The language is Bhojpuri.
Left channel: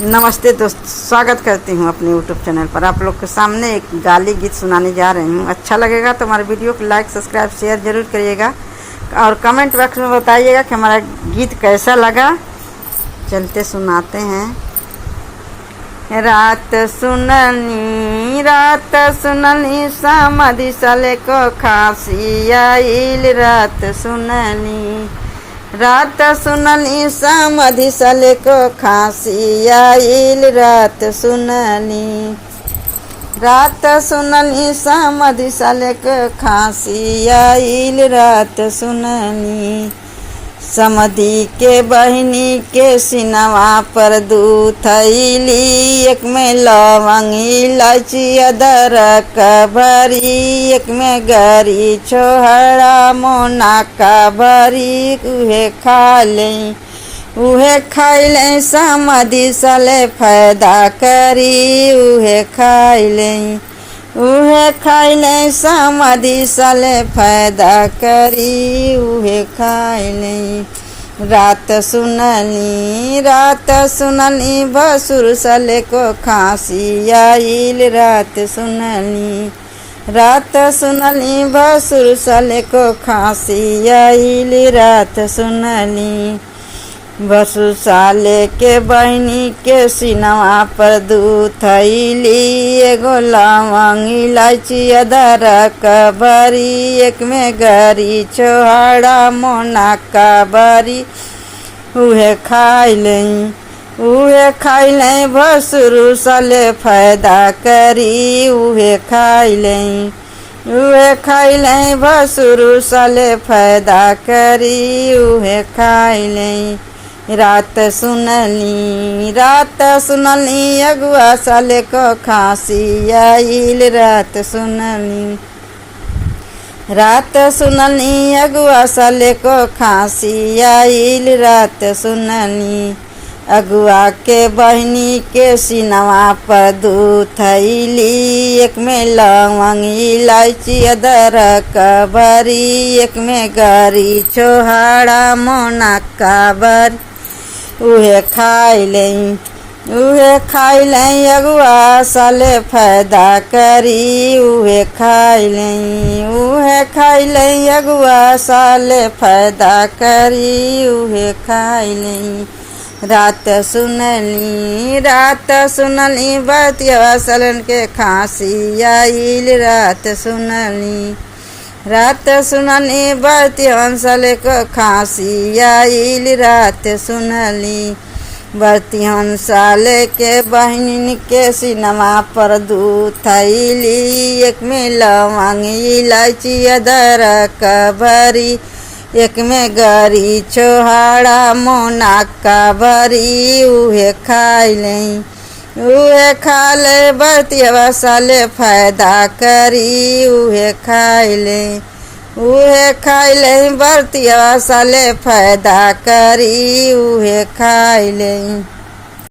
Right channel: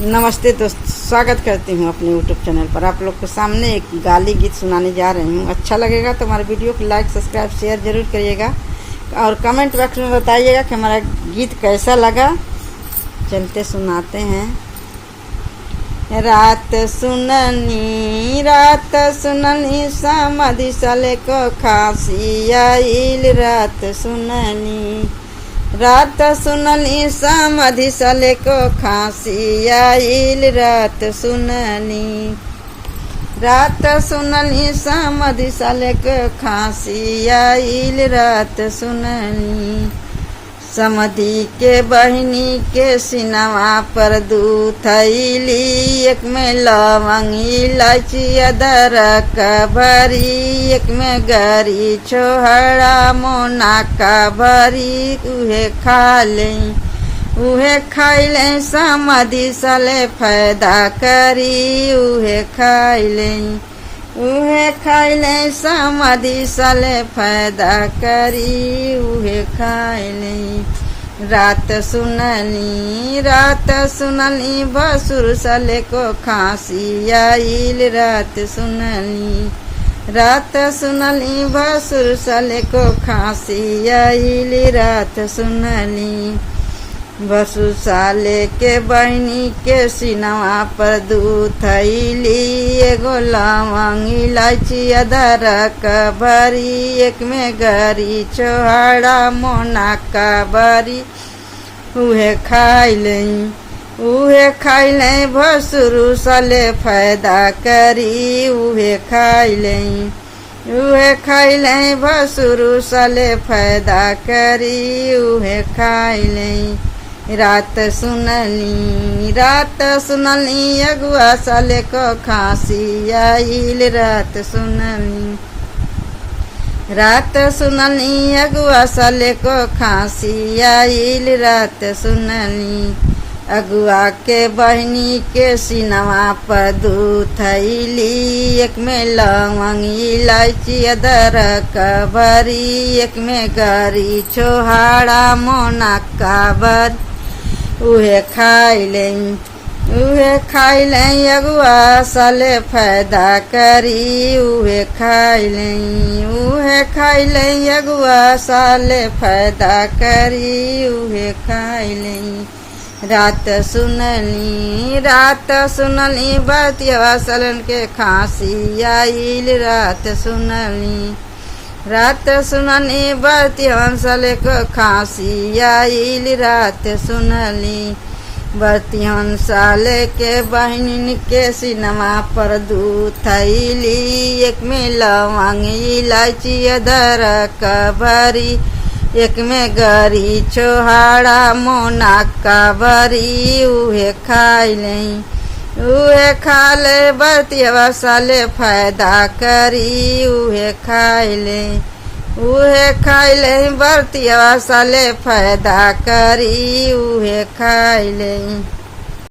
नमस्ते दोस्त, स्वागत करती हूँ अपने YouTube चैनल पर। आप लोग के सामने एक गाली गीत सुनाने जा रही हूँ। अच्छा लगेगा तो हमारे वीडियो को लाइक सब्सक्राइब शेयर जरूर करिएगा और कमेंट बॉक्स में बताइएगा कि हमारा गीत कैसा लगा। चलते सुनाते हैं। रात सुननी समाधि साले को खांसी आइल। रात सुनली समाधि साले को खांसी आइल। रात सुनली समाधि साले को खांसी आइल। रात सुनली समधि के बहिनी के सिनवा पर दूध थैली। एक में लवंग इलायची अदरक भरी, एक में गरी छोहड़ा मोना का भरी। उहे खा ले समाधि साले फायदा करी। उहे खाई ले समाधि साले फायदा करी। उहे खाई ले। रात सुनली भसुर साले को खांसी आइल। रात सुनली भसुर साले को खांसी आइल। रात सुनली भसुर साले के बहनी के सिनवा पर दूध थैली। एगो लवंग इलायची अदरक भरी, एक में गरी छोहड़ा मोना का भरी। उहे खाई ले भसुर साले फायदा करी। उहे खाई ले भसुर साले फायदा करी। उहे खाई ले। रात सुनली अगुआ साले को खांसी आइल। रात सुनली अगुआ साले को खांसी आइल। रात सुनली अगुआ के बहनी के सिनवा पर दूध थैली। एक में लवंग इलायची अदरक भरी, एक में गरी छोहड़ा मोना का भरी। उहे खाई ले अगुआ साले फायदा करी। उहे खाई ले अगुआ साले फायदा करी। उहे खाई ले। रात सुनली बतिया सालन के खांसी आइल। रात सुनली बतिया साले को खांसी आइल। रात सुनली बतिहन साले के बहन के सिनवा पर दूध थैली। एक में लवंग इलायची अदरक भरी, एक में गरी छोहड़ा मोना का भरी। उहे खा ले बतिया साले फायदा करी। उहे खाई ले बतिया साले फायदा करी। उहे खाई ले।